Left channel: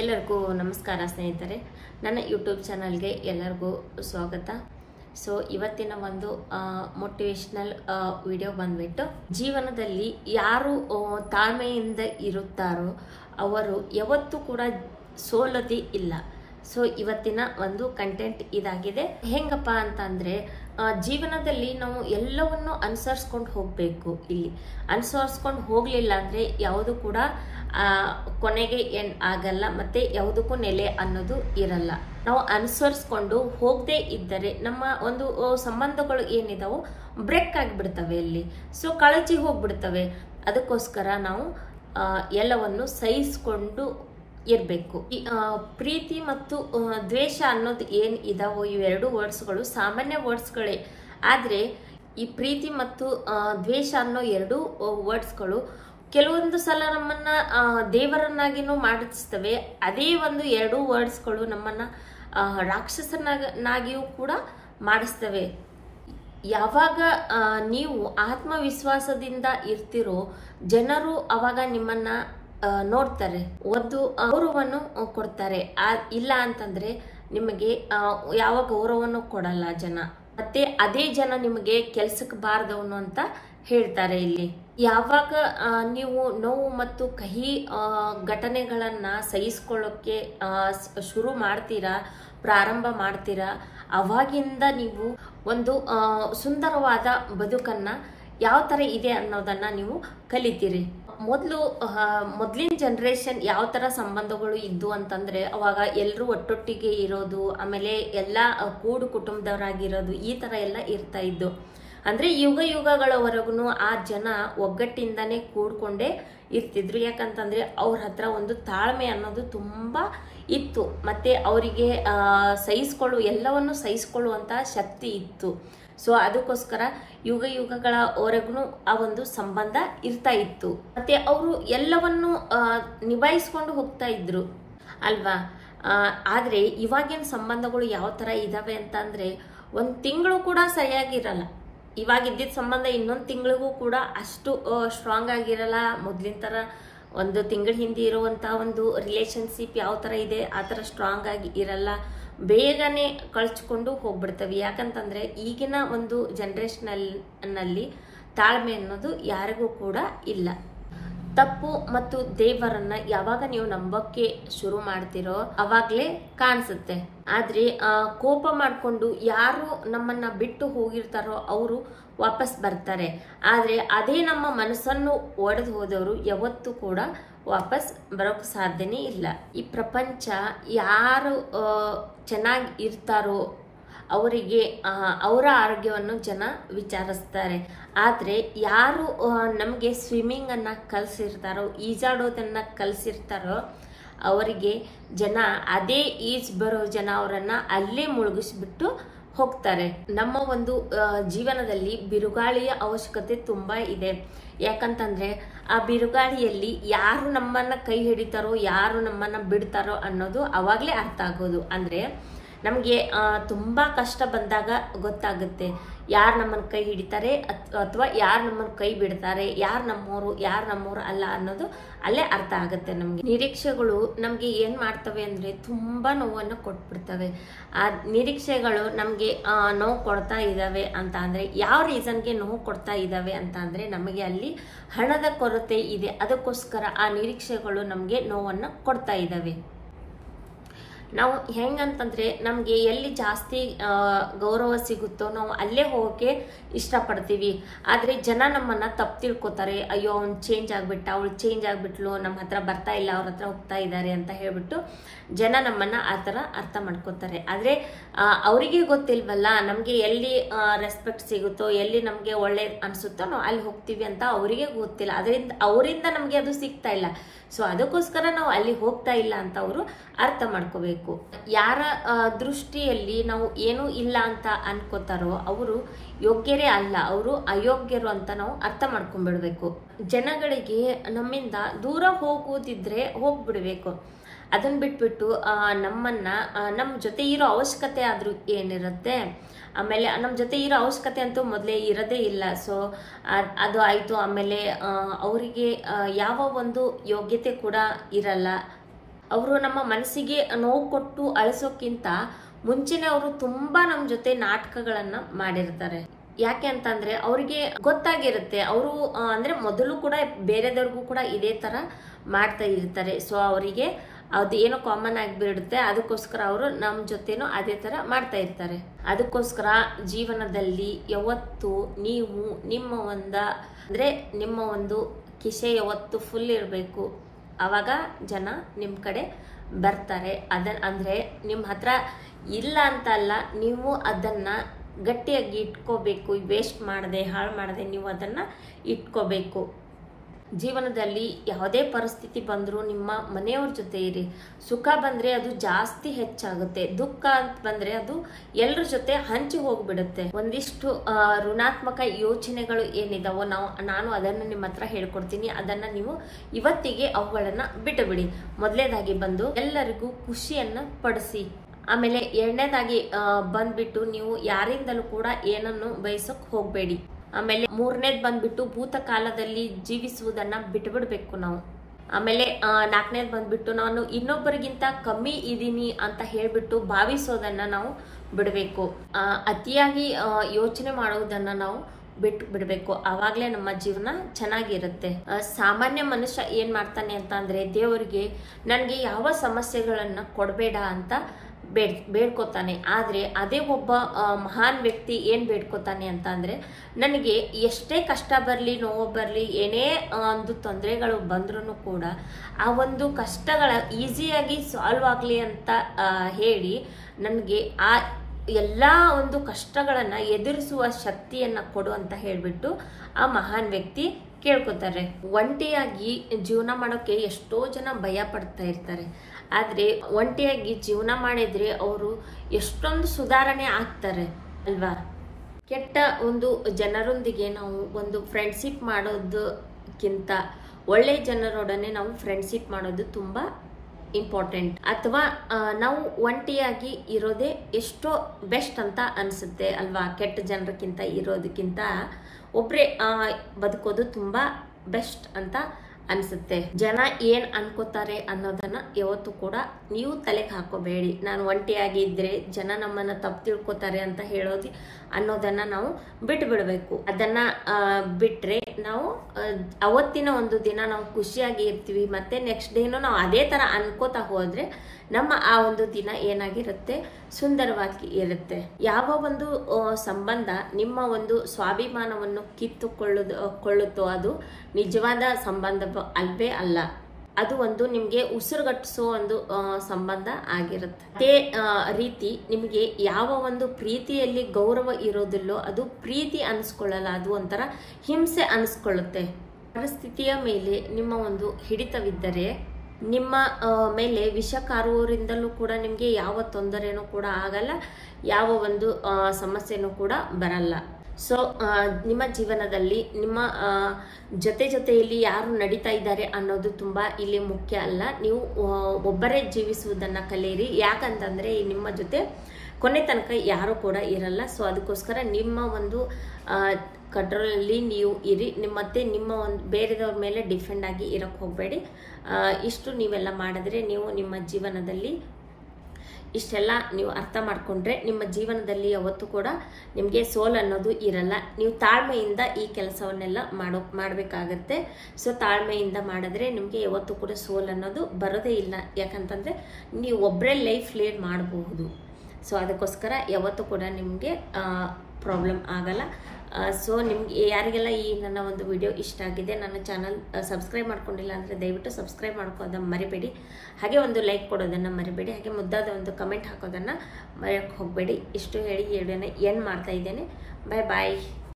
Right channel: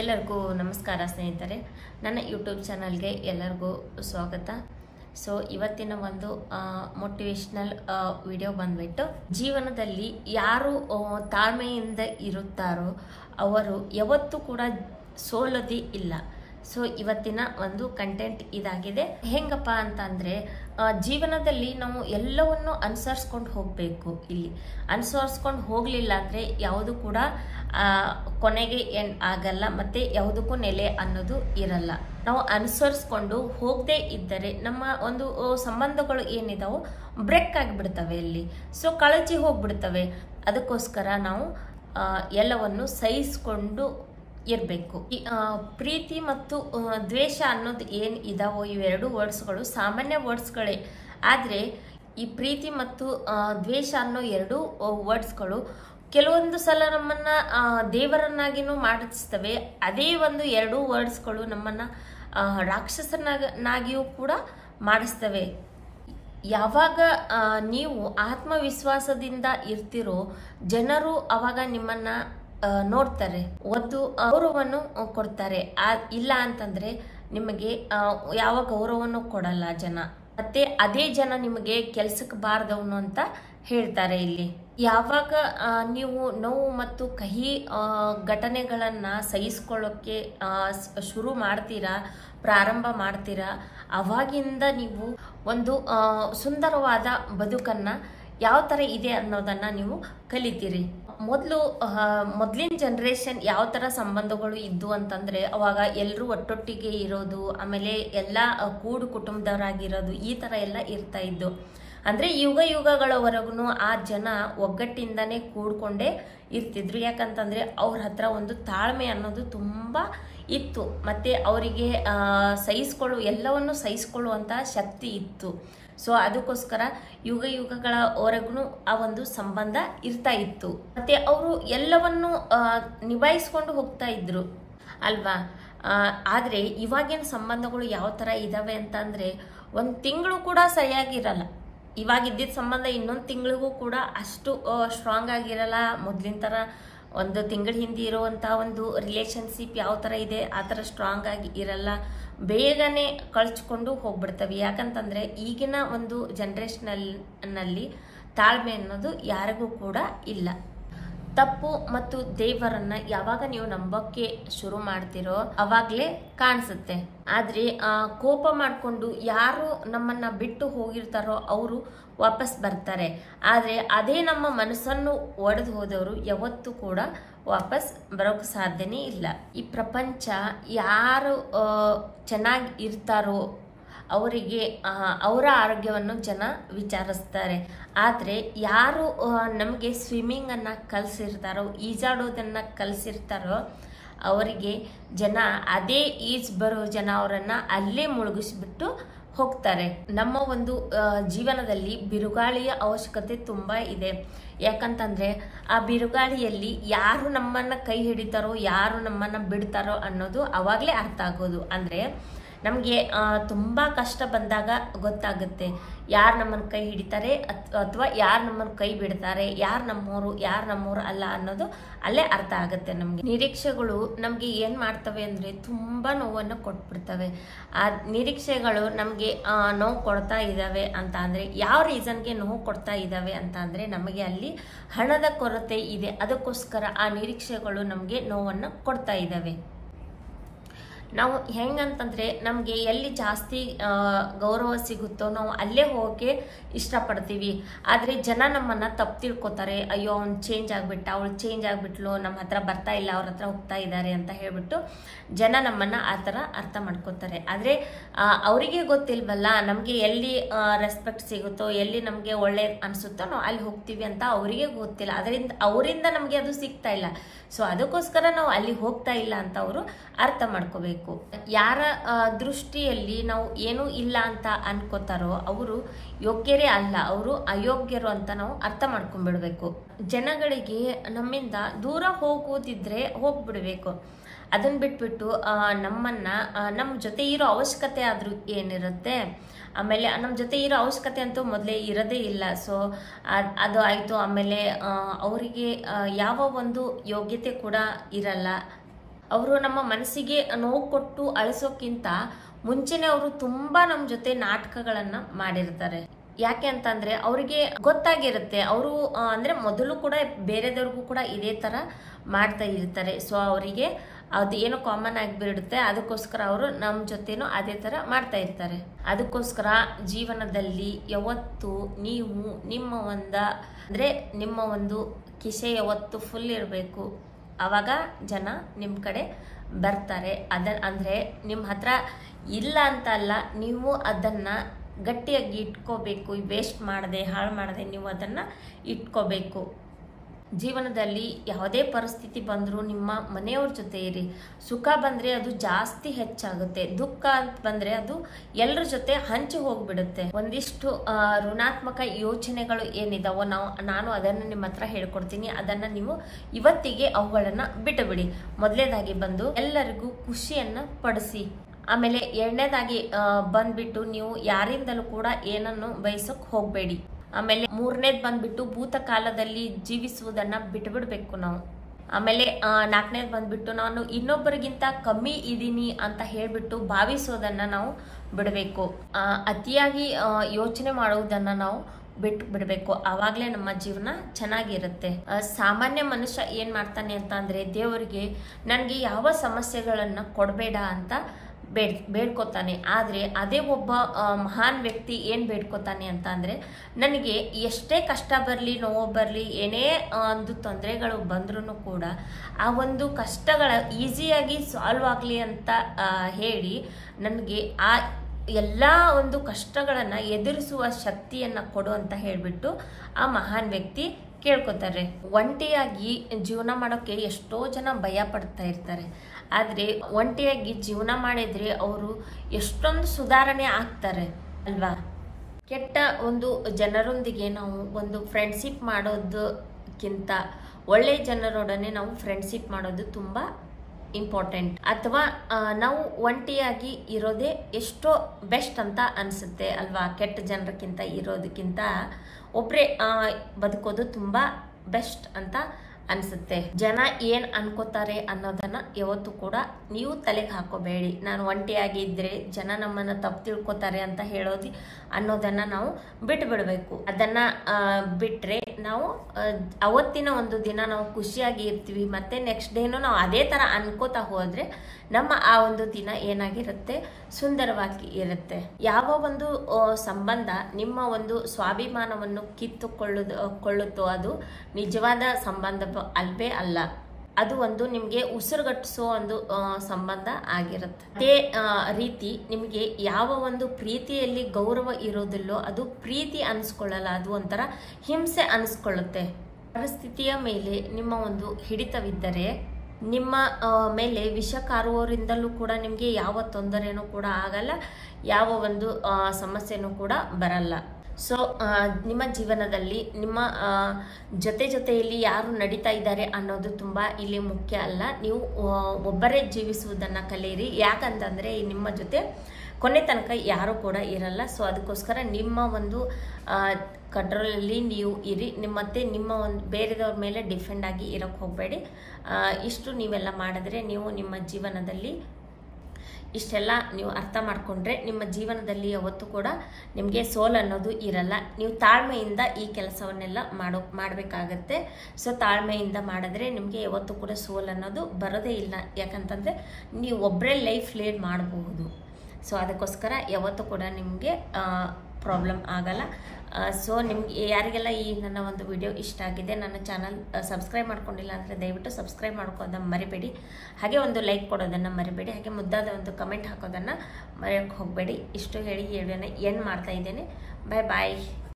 ಎಲ್ಲರಿಗೂ ನಮಸ್ಕಾರ ಸ್ನೇಹಿತರೆ, ನನ್ನ ಯೂಟ್ಯೂಬ್ ಚಾನಲ್ಗೆ ಎಲ್ಲರಿಗೂ ಸ್ವಾಗತ. ಸೊ ಇವತ್ತಿನ ಒಂದು ಮೋಟಿವೇಶನಲ್ ವಿಡಿಯೋ ಬಂದ್ಬಿಟ್ಟು, ಜೀವನದಲ್ಲಿ ಯಾರು ತಾಳ್ಮೆಯಿಂದ ಇರುತ್ತಾರೋ ಅವರು ಯಾವತ್ತೂ ಕೂಡ ಸೋಲೋದೇ ಇಲ್ಲ. ಸೊ ಇವತ್ತಿನ ಒಂದು ಕಂಟೆಂಟ್ ಇದಾಗಿದೆ. ಹೆಂಗಪ್ಪ ಅಂತಂದರೆ, ಜೀವನದಲ್ಲಿ ನಾವು ಎಲ್ಲವನ್ನು ಅನುಸರಿಸ್ಕೊಂಡು ಹೋಗಬೇಕು. ಇಲ್ಲಿ ಅನುಸರಿಸ್ಕೊಂಡು ಹೋಗಲಿಲ್ಲ ಅಂದರೆ ಯಾವುದು ಕೂಡ ಕೊನೆಗೆ ಎಂಡ್ ಆಗಲ್ಲ, ಮತ್ತು ಯಾವುದಕ್ಕೂ ನೆಲೆ ಅನ್ನೋದು ಇರಲ್ಲ. ನಾವು ಅನುಸರಿಸ್ಕೊಂಡು ಹೋಗದೇ ಇದ್ದರೆ ನಮ್ಮ ಒಂದು ಸಂಬಂಧಗಳು ಏನಿದಾವೋ ಬ್ರೇಕ್ ಆಗಿಬಿಡ್ತವೆ, ಇಲ್ಲಿ ಸೊ ಕಳಚಿ ಹೋಗ್ಬಿಡ್ತವೆ. ಅದಕ್ಕೋಸ್ಕರ ನಾವು ಎಲ್ಲವನ್ನು ಸಹಿಸ್ಕೊಂಡು ಇರಬೇಕು. ಪ್ರೀತಿ ಮತ್ತು ದ್ವೇಷ ಅನ್ನೋದು ಏನು ಇದಾವೋ ಇವೆರಡು ವರ್ಡ್ಸ್ಗಳು ಸಾಮಾನ್ಯ ವರ್ಡ್ಸ್ಗಳೇ. ಆದರೆ ಈ ಪ್ರೀತಿ ಮತ್ತು ದ್ವೇಷ ಅನ್ನೋ ಎರಡು ವರ್ಡ್ಸ್ಗಳು ಕೆಲವೊಂದು ಸಲ ನಮ್ಮನ್ನ ದೇವರನ್ನಾಗಿನೂ ಮಾಡಿಸ್ತವೆ. ಅದೇ ಒಂದು ಎರಡು ವರ್ಡ್ಸ್ಗಳು ನಮ್ಮನ್ನ ರಾಕ್ಷಸನಾಗಿಯೂ ಕೂಡ ಮಾಡಿಸ್ತವೆ. ಯಾವಾಗ ನೀವು ಆತ್ಮವಿಶ್ವಾಸದಿಂದ ಇರ್ತಿರೋ ಜನರು ಅವಾಗ ನಿಮ್ಮನ್ನ ನೋಡ್ತಾರೆ, ಒಂದು ಗೌರವವನ್ನು ಕೊಡ್ತಾರೆ. ಇಲ್ಲ ಅಂತಂದ್ರೆ ನಿಮಗೆ ಯಾವ ಗೌರವವನ್ನು ಕೊಡಲ್ಲ ಜನ. ಮತ್ತೆ ಅದೇ ಜನ ನಿಮಗೆ ಕೆಲ್ಸಕ್ಕೆ ಬಾರದವನು ಅಂತ ಹೇಳ್ತಾರೆ. ಇಲ್ಲಿ ಯಾವಾಗ ನೀವು ನೋವು ಮತ್ತು ಕಹಿ ಘಟನೆಗಳನ್ನ ಸಹಿಸ್ಕೊಳ್ಳೋಕೆ ಶುರು ಮಾಡ್ತೀರಾ, ಪ್ರಾರಂಭ ಮಾಡ್ತೀರಾ, ಅವಾಗಿಂದ ನೀವು ಒಂದು ಸುಂದರವಾದ ಬದುಕನ್ನ ಯಾವ ತರ ಇದೆ ಅನ್ನೋದನ್ನ ನೀವು ಕಲಿತೀರಿ. ಮೊದಲಿನ ಜನರೇಷನ್ ಯಾವ ತರ ಸಂಬಂಧಗಳು ಇದ್ದು ಅಂತಂದ್ರೆ, ಅವಾಗ ಎಲ್ಲರೂ ಒಟ್ಟೊಟ್ಟಿಗೆ ಇರೋದು, ಆಮೇಲೆ ಎಲ್ಲ ಕೂಡು ಕುಟುಂಬದವರಾಗಿರೋದು, ಈ ತರ ಎಲ್ಲ ಇರ್ತಾ ಇದ್ದು. ಅಂದ್ರೆ ಯುಗಗಳವರೆಗೂ ಆ ಜನ ಒಗ್ಗಟ್ಟಿಂದಾನೇ ಕೂಡ್ಕೊಂಡೇ ಇರ್ತಿದ್ರು. ಯಾಕಂತಂದ್ರೆ ಅವ್ರ ಹತ್ರ ಒಂದು ತಾಳ್ಮೆ ಅನ್ನೋದು ತುಂಬಾ ಇತ್ತು, ಮತ್ತೆ ಅವರಿಗೆ ಎಲ್ಲವನ್ನು ಸಹಿಸ್ಕೊಳ್ಳುವಂತ ಶಕ್ತಿ ಇತ್ತು. ಸೊ ಅದಕ್ಕೋಸ್ಕರ ಯುಗಗಳವರೆಗೂ ಆ ಒಂದು ಸಂಬಂಧ ಇರ್ತಾ ಇತ್ತು. ಮತ್ತೆ ಅವರು ಎಲ್ಲವನ್ನು ನಿಭಾಯಿಸ್ಕೊಂಡು ಹೋಗ್ತಾ ಇದ್ರು ಅಲ್ವಾ. ಆದ್ರೆ ಇವಾಗಿನ ಸಂಬಂಧಗಳು ಯಾವ ತರ ಇದಾವೆ ಅಂತ ಅಂದ್ರೆ, ಒಂದ್ ತಿಂಗಳು ಕೂಡ ಸರಿಯಾಗಿರಲ್ಲ. ಇವಾಗ ಇದ್ದಿದ್ದ ಸಂಬಂಧ ಇನ್ನೊಂದು ತಿಂಗಳಿಗೂ ಕೂಡ ಅಷ್ಟು ಸ್ಟ್ರಾಂಗ್ ಆಗಿರಲ್ಲ. ಮೊದ್ಲಿನ ತರ ಒಂದು ತಿಂಗಳ ಹಿಂದೆ ಇರುವಂತ ಒಂದು ರಿಲೇಶನ್ಶಿಪ್ ಯಾವ ತರ ಇದೆ ಆ ತರ ಸ್ಟ್ರಾಂಗ್ ಆಗಿ ಇರಲ್ಲ. ಬೇಗನೆ ಕಳ್ಚ್ಕೊಂಡು ಹೋಗ್ಬಿಡ್ತವೆ. ಯಾಕಂತಂದ್ರೆ ಈಗಿನ ಒಂದು ಜನರೇಷನ್ನಲ್ಲಿ ತಾಳ್ಮೆ ಅನ್ನೋದು ಯಾರಿಗೂ ಕೂಡ ಇಲ್ಲ. ತಪ್ಪು ಮತ್ತು ದೇವರನ್ನ ಯಾವಾಗ ನೀವು ನಂಬಕ್ಕೆ ಶುರು ಮಾಡ್ತಿರೋ ಅವಾಗ್ಲೇ ಕಾಣಿಸುತ್ತೆ. ಆದ್ರೆ ಕೋಪ ಮಾಡ್ಕೊಂಡು ಯಾರು ನಮ್ಮನ್ನ ಬಿಟ್ಟು ಹೋಗಿರ್ತಾರೋ ಅವರು ವಾಪಸ್ ಬರ್ತಾರೆ. ಆದ್ರೆ ಅದೇ ನಮ್ಮ ಮನಸ್ಸನ್ನು ಒಡೆದು ಹೋದವರು ಯಾವತ್ತೂ ಕೂಡ ವಾಪಸ್ ಬರೋಕ್ ಸಾಧ್ಯನೇ ಇಲ್ಲ. ಈ ಪ್ರಪಂಚ ಯಾರು ಚೆನ್ನಾಗಿ ಇರ್ತಾರೋ ಅವರಿಗೆ ಅವರ ಆರೋಗ್ಯವನ್ನು ಜನ ವಿಚಾರಿಸ್ತಾರೆ. ಆದ್ರೆ ಯಾರು ನಮಗೆ ಸ್ವಿಮ್ಮಿಂಗ್ ಅನ್ನ ಕಲಿಸಿರ್ತಾರೋ, ಈಜಾಡೋದನ್ನ ಕಲಿಸಿರ್ತಾರೋ ಅವರಿಗೆ ಜನ ಅದೇ ಬರೋ ಜನ ಅವರನ್ನ ಅಲ್ಲೇ ಮುಳುಗಿಸ್ಬಿಟ್ಟು ಹೋಗ್ತಾರೆ. ನಮ್ಮ ಒಂದು ಜೀವನದಲ್ಲಿ ಬಿರುಗಾಳಿಯ ಅವಶ್ಯಕತೆ ತುಂಬಾ ಇದೆ. ಯಾಕಂತಂದ್ರೆ ಆ ಬಿರುಗಾಳಿಯಲ್ಲಿ ಯಾರು ನಮ್ಮನ್ನ ಕೈ ಹಿಡಿತಾರೋ, ಯಾರು ನಮ್ಮನ್ನ ಬಿಡ್ತಾರೋ ಅನ್ನೋದು ಅವಾಗ್ಲೇ ಅರ್ಥ ಆಗೋದು. ಅಂದ್ರೆ ನಮಗೆ ತುಂಬಾ ಕಷ್ಟ ಬಂದಾಗ ಗೊತ್ತಾಗುತ್ತೆ ಯಾರು ನಮ್ಮನ್ನ ಕೈ ಹಿಡಿತಾರೆ ಅಥವಾ ಯಾರು ನಮ್ಮನ್ನ ಕೈ ಬಿಡ್ತಾರೆ, ಯಾರು ನಮ್ಮೋರು ಅಲ್ಲ ಅನ್ನೋದು ಅಲ್ಲೇ ಅರ್ಥ ಆಗುತ್ತೆ ನಮ್ಗೆ. ನಿರೀಕ್ಷೆಗಳು ನಮ್ಗೆ ಏನ್ ಮಾಡ್ತವೆ ಅಂದ್ರೆ ತುಂಬಾ ನೋವನ್ನು ಕೊಟ್ಬಿಡ್ತವೆ. ಆ ನಿರೀಕ್ಷೆಗಳು ನಮ್ಗೆ ನೋವು ಕೊಡ್ತಾ ಇದಾವೆ ಅಂತ ಅಂದ್ರೆ, ಯಾವ ರೀಸನ್ಗೆ ನೋವು ಕೊಡ್ತಾ ಇದಾವೆ ಅಂತ ಅಂದ್ರೆ ನಮಗೆ ಅಲ್ಲಿ ಹಣದ ಕೊರತೆ ಇದೆ. ಅದಕ್ಕೋಸ್ಕರ ಆ ನಿರೀಕ್ಷೆಗಳು ನಮ್ಗೆ ನೋವನ್ನು ಕೊಡ್ತಾ ಇದಾವೆ. ನಾವು ಹೆಂಗಂತಂದ್ರೆ ನಮ್ಗೆ ಎಲ್ಲಿ ಜಾಸ್ತಿ ಗೌರವ ಸಿಗುತ್ತೋ ನಾವು ಅಲ್ಲೇ ಹೋಗಕ್ಕೆ ಇಷ್ಟಪಡ್ತೀವಿ. ಆದ್ರೆ ಜನ ನಮ್ಮನ್ನ ತಪ್ಪು ತಿಳ್ಕೊತಾರೆ. ಅಯ್ಯೋ ಅವ್ನು ಚೇಂಜ್ ಆಗ್ಬಿಟ್ಟ, ಅವಳು ಚೇಂಜ್ ಆಗ್ಬಿಟ್ಲು, ನಮ್ಮ ಹತ್ರ ಬರ್ತಾ ಇಲ್ಲ, ಅವ್ರ ಹತ್ರ ಹೋಗ್ತಾ ಇದ್ದಾರೆ ಅಂತ ಹೇಳ್ಬಿಟ್ಟು ಜನ ನಮ್ಮನ್ನ ಆ ತರ ಅರ್ಥ ಮಾಡ್ಕೋತಾರೆ. ಆದ್ರೆ ಅವರಿಗೆ ಗೊತ್ತಿಲ್ವಲ್ಲ ನಮ್ಗೆ ಎಲ್ಲಿ ರೆಸ್ಪೆಕ್ಟ್ ಸಿಗುತ್ತೋ, ಎಲ್ಲಿ ನಮ್ಗೆ ಒಳ್ಳೆ ಅನ್ಸುತ್ತೋ ನಾವು ಅಲ್ಲಿ ಹೋಗ್ತೀವಿ ಅಂತ ಅವರಿಗೆ ಗೊತ್ತಿಲ್ಲ. ಅವರಿಂದ ನಮ್ಗೆ ಅದು ಸಿಗ್ತಾ ಇಲ್ಲ. ಸೊ ಅದಕ್ಕೋಸ್ಕರ ನಾವು ಅಲ್ಲಿ ಹೋಗ್ತಾ ಇಲ್ಲ ಅಂತ ಅವರು ಅರ್ಥ ಮಾಡ್ಕೋಬೇಕು. ಯಾರ ದೃಷ್ಟಿಯಲ್ಲಿ ನಾವು ಏನೂ ಇಲ್ಲ ಅಂತ ಅನ್ಕೋತಾರೋ ಅವರು ಯೋಗ್ಯರೇ ಅಲ್ಲ, ಅವರು ಅಯೋಗ್ಯರು ಅಂತ ನಾವು ಅರ್ಥ ಮಾಡ್ಕೊಂಡ್ಬಿಡ್ಬೇಕು. ಜನಗಳಿಗೆ ನಮ್ಮಿಂದ ದೂರ ಹೋಗುವುದಿದ್ರೆ ಹೋಗ್ಬಿಡ್ಬೇಕು. ಅದನ್ನ ಬಿಟ್ಬಿಟ್ಟು ನಮ್ಮ ಜೊತೆ ಇರೋ ಅವಶ್ಯಕತೆ ಆದ್ರೂ ಏನಿರುತ್ತೆ, ಆಮೇಲೆ ನಮ್ಮ ಜೊತೆ ಇರೋ ಅವಶ್ಯಕತೆ ಅಂತೂ ಮೊದಲೇ ಇರೋದೇ ಇಲ್ಲ. ಸೊ ಅದು ಆಯಿತು. ಆಮೇಲೆ ಅವರಿಗೆ ಯಾವ ಒಂದು ಯೋಗ್ಯತೆ ಕೂಡ ಇರಲ್ಲ. ಅವರು ನಮ್ಮ ಮನಸ್ಸಿಗೆ ನೋವು ಕೊಟ್ಟು ಅಳಿಸೋಕ್ಕಿಂತ ಮುಂಚೆನೆ ಅವರು ತುಂಬಾ ನಮ್ಮ ಜೊತೆ ನಾಟಕಗಳನ್ನ ಮಾಡಿರ್ತಾರೆ. ಯಾಕೆ ಅಂತಂದ್ರೆ ಅವರಿಗೆ ಗೊತ್ತಾಗಿರುತ್ತೆ, ಅವರು ಅಂದ್ರೆ ಮೊದಲು ಕೂಡ ಬೇರೆದವ್ರಿಗೂ ಕೂಡ ಇದೇ ತರ ಮಾಡ್ತಾ ಇರ್ತಾರೆ. ಸೊ ಅವರಿಗೆ ಅದು ಏನೋ ಕಾಮನ್ ಆಗಿಬಿಡುತ್ತೆ, ಅದಕ್ಕೋಸ್ಕರ ಅವರು ನಮ್ಮ ಜೊತೆನೂ ಅದೇ ತರ ಮಾಡ್ತಾ ಇರ್ತಾರೆ. ಅದಕ್ಕೋಸ್ಕರ ಜೀವನದಲ್ಲಿ ಯಾವತ್ತು ನೀವು ನಿಮ್ಮ ಒಂದು ಕಿಸೆ ಯಾವತ್ತು ಫುಲ್ ಇರಬೇಕು, ಅವಾಗ ಜನ ನಿಮ್ಮ ಕಡೆ ಬರ್ತಾರೆ. ಅಂದ್ರೆ ನಿಮ್ಮ ಹತ್ರ ಇಲ್ಲ ಅಂತ ಅಲ್ಲ, ನೀವು ಅದನ್ನ ಗಟ್ಟಿಯಾಗಿ ಇಟ್ಕೋಬೇಕು. ವೇಸ್ಟ್ ಮಾಡದೆ, ಹಾಳು ಮಾಡದೆ ನೀವು ಅದನ್ನ ಇಟ್ಕೋಬೇಕು. ಜೀವನದಲ್ಲಿ ಯಾವುದೇ ಪರಿಸ್ಥಿತಿ ಬಂದರೂ ನಿಮ್ಮ ಮನೆಯವ್ರ ಜೊತೆ ಇರಿ. ಸುಖ ಬಂದರೆ ಅದು ಜಾಸ್ತಿ ಹೆಚ್ಚಾಗುತ್ತೆ, ದುಃಖ ಅಂತ ಬಂದರೆ ಅದು ಎಲ್ಲರ ಜೊತೆ ಹಂಚಿ ಹೋಗ್ಬಿಡುತ್ತೆ. ಒಂದಿಷ್ಟು ಋಣಾತ್ಮಕ ಯೋಚನೆಗಳು ಏನಿದಾವೋ ನಾನು ಅದನ್ನು ನಿಮ್ಮ ಹತ್ರ ಹೇಳ್ಕೊಡ್ತೀನಿ. ಅದನ್ನು ನೀವು ಇವತ್ತಿಗೆ ಅವುಗಳನ್ನು ಬಿಟ್ಟುಬಿಡಿ. ಮೊದಲನೇದಾಗಿ ಬಂದು ಎಲ್ಲರಿಗೂ ಖುಷಿಯನ್ನ ಪಡಿಸಿ. ಆಮೇಲೆ ಎರಡನೇದಾಗಿ ಬಂದ್ಬಿಟ್ಟು ನೀವು ಯಾರಿಂದಲೂ ಕೂಡ ಏನನ್ನು ಬಯಸೋಕ್ ಹೋಗಬೇಡಿ. ಆಮೇಲೆ ಮೂರನೇದು ಬಂದ್ಬಿಟ್ಟು ಭೂತಕಾಲದಲ್ಲಿ ಜೀವಿಸುವುದನ್ನ ಬಿಟ್ಬಿಡ್ಬೇಕು ನಾವು. ಆಮೇಲೆ ನಾಲ್ಕನೇದು ಬಂದ್ಬಿಟ್ಟು ನಾನು ಇನ್ನೊಬ್ಬರಿಗಿಂತ ಕಮ್ಮಿ ಇದೀನಿ ಅಂತ ಹೇಳ್ಬಿಟ್ಟು ಭಾವಿಸೋದನ್ನ ನಾವು ಬಿಡಬೇಕು. ಅತಿಯಾಗಿ ಯೋಚನೆ ಮಾಡುವುದನ್ನ ನಾವು ಬಿಡಬೇಕು. ಆವಾಗ್ಲೇ ನಮ್ಮ ಜೀವನ ಚೆನ್ನಾಗಿರುತ್ತೆ. ಸಾಮಾನ್ಯ ಮನುಷ್ಯ ಏನ್ ಮಾಡ್ತಾನೆ ಅಂತ ಅಂದ್ರೆ, ದೇವರಿಗೆ ನನಗೆ ಯಾವ ಸಮಸ್ಯೆಗಳನ್ನ ಕೊಡಬೇಡ ಅಂತ ಬೇಡ್ಕೋತಾನೆ. ಆದ್ರೆ ಅದೇ ಒಬ್ಬ ಮಹಾನ್ ವ್ಯಕ್ತಿ ಏನ್ ಬೇಡ್ಕೋತಾನೆ ಅಂತ ಅಂದ್ರೆ, ನನಗೆ ಎಷ್ಟೇ ಕಷ್ಟ ಬರಲಿ, ನೋವು ಬರಲಿ, ಏನೇ ಒಂದು ತೊಂದರೆಗಳು ಬಂದ್ರೂ ಕೂಡ ಆ ಒಂದು ಕಷ್ಟಗಳ ಈಸಿಯಾಗಿ ಸಾಲ್ವ್ ಆಗಲಿ ಅಂತ ಹೇಳಿ ನನಗೆ ಆ ಎಲ್ಲ ಒಂದು ಕಷ್ಟಗಳನ್ನ ಎದುರಿಸುವ ಶಕ್ತಿಯನ್ನ ಕೊಡು ಅಂತ ಹೇಳ್ಬಿಟ್ಟು ಆ ಮಹಾನ್ ವ್ಯಕ್ತಿ ಕೇಳ್ಕೊತಾರೆ. ಒಂಟಿಯಾಗಿ ಜೀವನ ಮಾಡೋಕೆ ಎಷ್ಟೋ ಜನ ಭಯ ಪಡ್ತಾ ಇರ್ತಾರೆ. ಆದ್ರೆ ಒಂಟಿಯಾಗಿ ಜೀವನ ಮಾಡಿದ್ರೆ ಅವರು ಎಷ್ಟೊಂದು ಸುಧಾರಣೆ ಆಗ್ತಾರೆ ಅಲ್ವಾ. ಕೆಟ್ಟ ಒಂದು ಜನರೊಂದಿಗೆ ನಾವು ಒಂದು ಫ್ರೆಂಡ್ಶಿಪ್ ಮಾಡೋದಕ್ಕಿಂತ ಒಳ್ಳೆ ಜನರೊಡನೆ ನಾವು ಫ್ರೆಂಡ್ಶಿಪ್ ಮಾಡೋದು ತುಂಬಾ ಇಂಪಾರ್ಟೆಂಟ್. ಅಥವಾ ನಾವು ಒಂಟಿಯಾಗಿ ಇರೋದೇ ಎಷ್ಟೋ ಬೆಸ್ಟ್ ಅಂತ ಅನ್ಸುತ್ತೆ ಅಲ್ವಾ. ಕೆಟ್ಟ ಜನರಕ್ಕಿಂತ ಇರೋದಕ್ಕಿಂತ ಒಬ್ರೇ ಬದುಕೋದು ತುಂಬಾ ಬೆಸ್ಟ್ ಅಂತ ಅನ್ಸುತ್ತೆ. ಜನ ಏನ್ ಅನ್ಕೋತಾರೆ ಅನ್ನೋದನ್ನ ಯಾವತ್ತೂ ಕೂಡ ನೀವು ತಲೆಗೆ ಹಾಕೋಬೇಡಿ. ನಾನು ಒಂಟಿಯಾಗಿ ಇದ್ರೆ ಜನ ನಮ್ಮನ್ನ ತಪ್ಪು ತಿಳ್ಕೊತಾರೆ ಅಂತ ಅನ್ನೋದನ್ನ ನಾವು ಬಿಟ್ಟು ಬಿಡಬೇಕು. ಅದನ್ನ ಬಿಟ್ರೆ ನಾವು ಅವತ್ತಿನ ಒಂದು ದಿನ ನಾವು ಖುಷಿಯಾಗಿ ಇರ್ತೀವಿ. ಮತ್ತೆ ನೆಕ್ಸ್ಟ್ ಡೇನು ನಾವು ಅದೇ ತರ ಅನ್ಕೋತಾ ಹೋದ್ರೆ ನಮ್ಮ ಆ ಒಂದು ದಿನ ಏನಾಗಿರುತ್ತೆ, ಸುಂದರವಾಗಿ ಇರುತ್ತೆ. ಯಾವ ಒಂದು ಸಂಬಂಧ ನಿಮ್ಮ ಒಂದು ಸ್ವಾಭಿಮಾನವನ್ನು ಕಿತ್ತುಕೊಳ್ಳುತ್ತೋ ಅದು ನಿಜವಾದ ಸಂಬಂಧ ಅಲ್ವೇ ಅಲ್ಲ. ಅದು ಒಂದು ನಿಮ್ಗೆ ಉಸಿರುಗಟ್ಟಿಸೋ ಒಂದು ಸಂಬಂಧ ಆಗಿರುತ್ತೆ. ಅದೇ ರೀತಿ ನಿಮಗೆ ಯಾವ ಒಂದು ಪ್ರೀತಿಯಲ್ಲಿ ಗೌರವ ಇರೋದಿಲ್ಲೋ ಅದು ಪ್ರೀತಿ ಅನ್ಸ್ಕೊಳ್ಳಲ್ಲ, ಅದು ಒಂಥರ ಹಿಂಸೆ ಅನ್ಸ್ಕೊಳ್ಳುತ್ತೆ. ಪರಿಸ್ಥಿತಿಯ ಮೇಲೆ ನಿಮ್ಮ ಒಂದು ಹಿಡಿತವಿದ್ದರೆ ನಿಮ್ಮ ಮೇಲೆ ವಿಷ ಕಾರುವವರಿಂದಲೂ ಕೂಡ ನಿಮಗೆ ಯಾವ ತೊಂದರೆನೂ ಕೂಡ ಆಗಲ್ಲ, ಯಾವ ಒಂದು ಸಮಸ್ಯೆನೂ ಕೂಡ ಬರಲ್ಲ. ಸೊ ನಿಮ್ಮ ಜೀವನದಲ್ಲಿ ನಿಮ್ಮ ಜೊತೆಯಲ್ಲಿ ಯಾರು ನಡೀತಾ ಇದ್ದಾರೆ ಅನ್ನೋದು ತುಂಬಾ ಇಲ್ಲಿ ಮುಖ್ಯ ಅಲ್ಲ. ನೀವು ಒಬ್ಬರೇ ಜೀವಿಸುವುದನ್ನ ಕಲಿಯಿರಿ. ಯಾಕಂತಂದ್ರೆ ನಿಮ್ಮ ಜೊತೆ ಕೊನೆ ತನಕ ಯಾರು ಕೂಡ ಇರಲ್ಲ. ಸೊ ಅದಕ್ಕೋಸ್ಕರ ನಿಮ್ಮ ಒಂದು ಕಂಟ್ರೋಲಲ್ಲಿ ನೀವು ಇರಿ. ನಿಮ್ಮ ಒಂದು ಬೇರೆದವ್ರ ಮೇಲೆ ಡಿಪೆಂಡ್ ಆಗಿ ಇರಕ್ಕೆ ಹೋಗಬೇಡಿ. ಇಷ್ಟು ನೀವೆಲ್ಲ ಮಾಡಿದ್ರೆ ನೀವು ನಿಮ್ಮ ಜೀವನದಲ್ಲಿ ಇಷ್ಟೆಲ್ಲ ನೀವು ಅರ್ಥ ಮಾಡ್ಕೊಂಡ್ರೆ ನಿಮ್ಮ ಜೀವನದಲ್ಲಿ ಯಾವತ್ತೂ ಕೂಡ ನಿಮಗೆ ಸೋಲ್ ಅನ್ನೋದು ಇರಲ್ಲ. ನೀವು ತಾಳ್ಮೆಯಿಂದ ಈ ಕೆಲಸವನ್ನೆಲ್ಲ ಮಾಡಬೇಕಾಗತ್ತೆ. ಸೊ ತಾಳ್ಮೆಯಿಂದ ಮಾಡಿದ್ರೆ ನಿಮಗೆ ಯಾವತ್ತೂ ಕೂಡ ಸೋಲ್ ಅನ್ನೋದು ಬರೋದೇ ಇಲ್ಲ. ಯಾಕಂತಂದರೆ ನೀವು ಒಬ್ಬರೇ ಲೈಫ್ ಲೀಡ್ ಮಾಡಬಹುದು. ಸೊ ಅದಕ್ಕೋಸ್ಕರ ಯಾವತ್ತೂ ಕೂಡ ನಿಮಗೆ ಪ್ರಾಬ್ಲಮ್ ಆಗಲ್ಲ. ಸೊ ನಿಮ್ಗೆ ಯಾರಿಗೆಲ್ಲ ಈ ನನ್ನ ಒಂದು ವಿಡಿಯೋ ಇಷ್ಟ ಆಗಿದೆ, ನನ್ನ ಚಾನಲ್ ಸಬ್ಸ್ಕ್ರೈಬ್ ಮಾಡ್ಕೊಂಡಿಲ್ಲ ಅಂದರೆ ದಯವಿಟ್ಟು ಸಬ್ಸ್ಕ್ರೈಬ್ ಮಾಡ್ಕೋದನ್ನು ಮರಿಬೇಡಿ. ಹಾಗೆ ಒಂದು ಲೈಕ್ ಕೊಡೋದನ್ನು ಮರಿಬೇಡಿ. ಹಾಗೆ ಮುದ್ದಾದ ಒಂದು ಕಮೆಂಟ್ ಹಾಕೋದನ್ನು ಮರೆಯೋಕ್ಕೆ ಹೋಗಬೇಡಿ. ಇಷ್ಟು ಹೇಳಿ ವಿಡಿಯೋನ ಎಂಡ್ ಮಾಡ್ತಾ ಇದ್ದೇನೆ. ಬಾಯ್ ಬಾಯ್.